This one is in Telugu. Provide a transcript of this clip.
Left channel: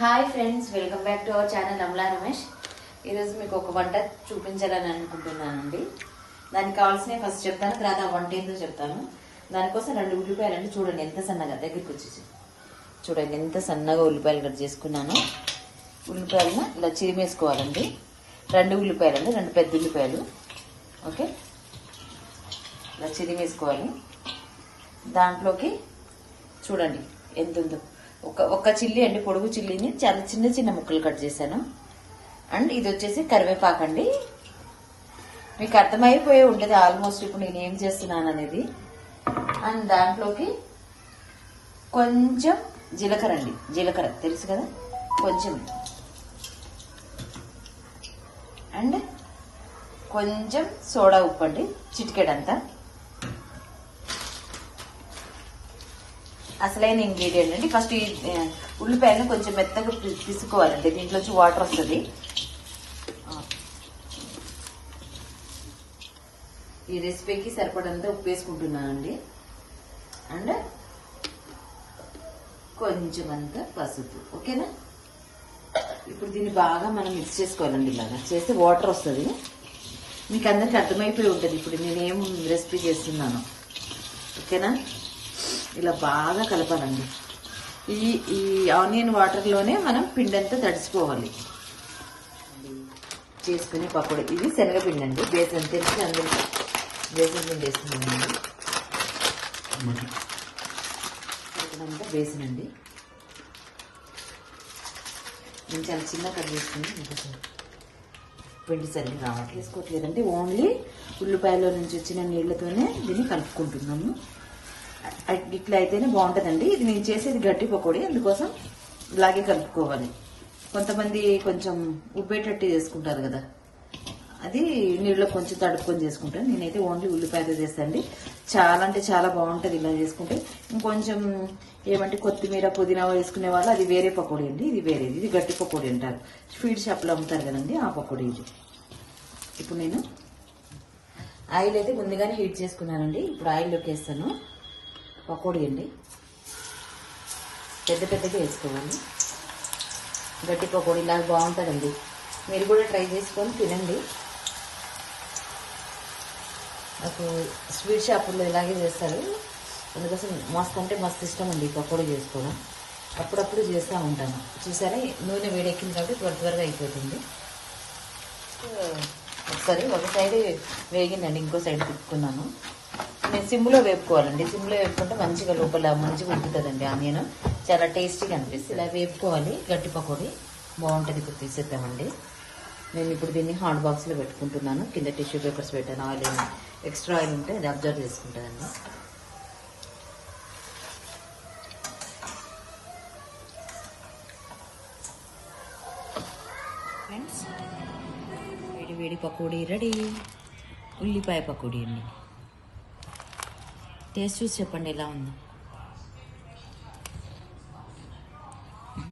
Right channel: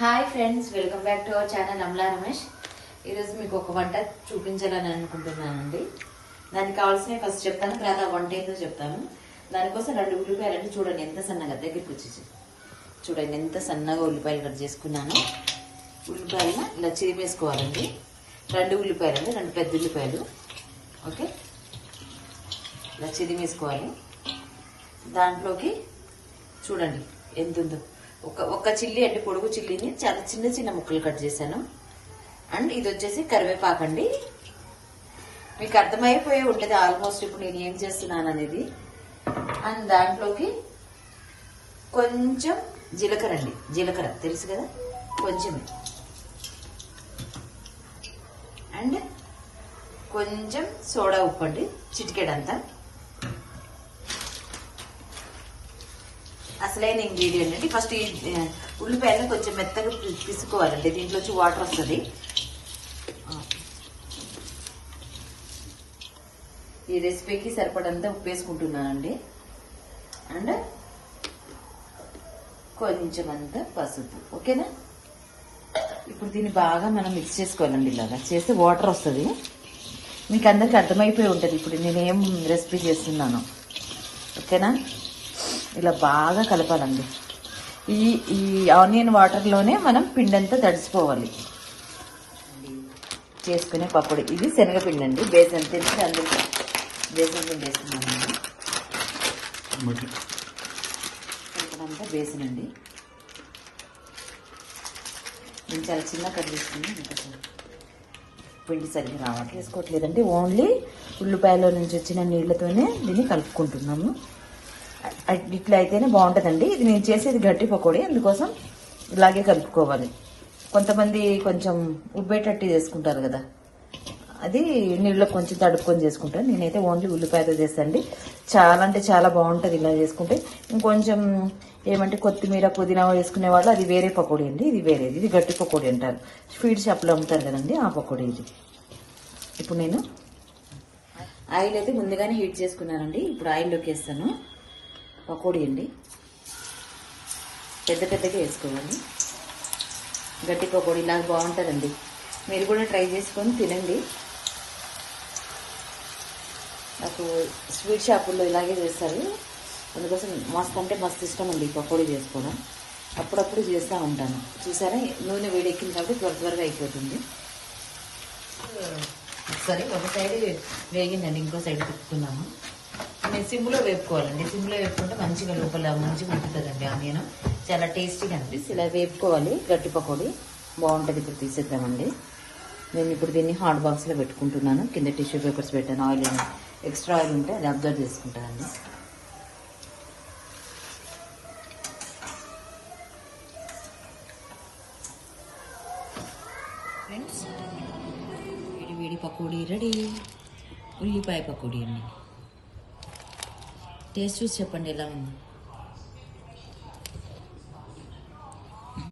Hi friends, welcome back to our channel Amala Ramesh. ఈరోజు మీకు ఒక వంట చూపించాలని అనుకుంటున్నానండి. దానికి కావాల్సిన ఫస్ట్ చెప్తాను, తర్వాత వంట ఏంటో చెప్తాను. దానికోసం 2 ఉల్లిపాయలండి. చూడండి ఎంత సన్నగా, దగ్గరికి వచ్చేసి చూడండి ఎంత సన్నగా ఉల్లిపాయలు కట్ చేసుకున్నాను. ఉల్లిపాయలను ఇలా చిరిమేసుకోవాలండి. 2 ఉల్లిపాయలండి, 2 పెద్ద ఉల్లిపాయలు. ఓకే, ఇలా చిరిమేసుకోవాలి. దాంట్లోకి చూడండి ఎంత ఉందో, ఒక చిల్లీ అండి, పొడుగు చిల్లీని చాలా చిన్న చిన్న ముక్కలు కట్ చేశాను. అండ్ ఇది వచ్చేసి కరివేపాకు అండి. మీకు అర్థమైపోయి ఉంటుంది ఆల్మోస్ట్ ఇప్పుడు నేను ఏం చేస్తున్నాను అనేది. అండ్ దాంట్లోకి కొంచెం జీలకర్ర అండి, జీలకర్ర తెలుసు కదా, కొంచెం. అండ్ కొంచెం సోడా ఉప్పు అండి, చిటికెడంతా. అసలైన ఇంగ్రీడియంట్ అండి. ఫస్ట్ ఈ ఉల్లిపాయలను కొంచెం మెత్తగా తీసుకోవాలండి, దీంట్లోంచి వాటర్ వస్తుంది. ఈ రెసిపీకి సరిపడంతా ఉప్పు వేసుకుంటున్నానండి. అండ్ కొంచెం అంతా పసుపు. ఓకేనా, ఇప్పుడు దీన్ని బాగా మనం మిక్స్ చేసుకోవాలండి. ఇలాగా చేస్తే వాటర్ వస్తుంది. మీకు అందరికి అర్థమైపోయి ఉంటుంది ఇప్పుడు నేను ఏం రెసిపీ చేస్తున్నాను. ఓకేనా, ఇలా బాగా కలపాలండి. ఈ ఆనియన్ వాటర్లోనే మనం పిండంతా తడిసిపోవాలి. చేసుకునే పప్పుడు ఇది శనగపిండి అండి, బేసన్ తెలిసి అన్ని బేసన్ పిండి వేస్తున్నామండి. కొంచెమంతా బేసన్ అండి. నేను చాలా చిన్న కట్ చేసుకుని పిండి సరిగ్గా రావాలి వేసుకోవట్లేదండి. ఓన్లీ ఉల్లిపాయలో నుంచి వచ్చిన నీళ్ళతోనే దీన్ని కలుపుకుంటున్నాము. ఇట్లా అయితేనే బాగుంటుందండి. ఇది నేను చేసేది గట్టి పకోడీ, అందుకోసం ఇలాగే కలుపుకోవాలి. కొంతమంది కొంచెం ఉబ్బేటట్టు చేసుకుంటారు కదా, అది నీళ్ళలో కొంచెం తడుపుకొని చేసుకుంటాను. నేనైతే ఓన్లీ ఉల్లిపాయలు చేస్తానండి. చాలా అంటే చాలా బాగుంటుంది ఇలా చేసుకుంటే. ఇంకొంచెం ఏమంటే కొత్తిమీర పుదీనా వేసుకునే వాళ్ళు అది వేరే పకోడీ అండి, ఇది వేరేది. ఇది గట్టి పకోడీ అంటారు, స్వీట్ షాప్లో అమ్ముతారు కదండి, ఆ పకోడీ ఇది. ఇప్పుడు నేను ఆయిల్ అయితే ముందుగానే హీట్ చేసుకున్నానండి. ఇప్పుడు ఆయిల్లోకి వేస్తాను. పకోడీ అండి, పెద్ద పెద్దగా వేసుకోవాలి. గట్టి పకోడీ నాకు బాగుంటుందండి, మీరు కూడా ట్రై చేసుకొని తినండి. నాకు స్వీట్ షాపుల్లో ఇలాగే చేస్తారు, అందుకోసం మస్తు అంటే మస్తు ఇష్టం అండి పకోడీ చేసుకోవడం. అప్పుడప్పుడు చేస్తూ ఉంటాను. చూసారా, నూనె వేడెక్కిన కాబట్టి త్వరగా అయిపోతుంది. ఒకసారి ఒక సైడ్ వేగిందండి, ఇంకో సైడ్ తిప్పుకున్నాను. నేను సిమ్లో వేపుకోవాలండి. సిమ్లో వేపుకుంటే మంచిగా లోపల మంచిగా ఉంటుందండి. ఆనియన్ చాలా టేస్టీగా అనిపిస్తుంది. ఇలా వేపుకోవాలి. గట్టి పకోడీ బాగుంటుంది. ఇప్పుడు తీసేద్దామండి. నేను ఇప్పుడు దీన్ని హాట్ బాక్స్లో పెట్టుకుంటున్నాను. కింద టిష్యూ పేపర్స్ పెట్టాను. ఆయిల్ ఎక్స్ట్రా ఆయిల్ ఉంటే అది అబ్జర్వ్ చేసుకుంటానండి. ఫ్రెండ్స్, వేడి పకోడీ రెడీ. ఉల్లిపాయ పకోడీ. టేస్ట్ చూసి చెప్పండి ఎలా ఉందో.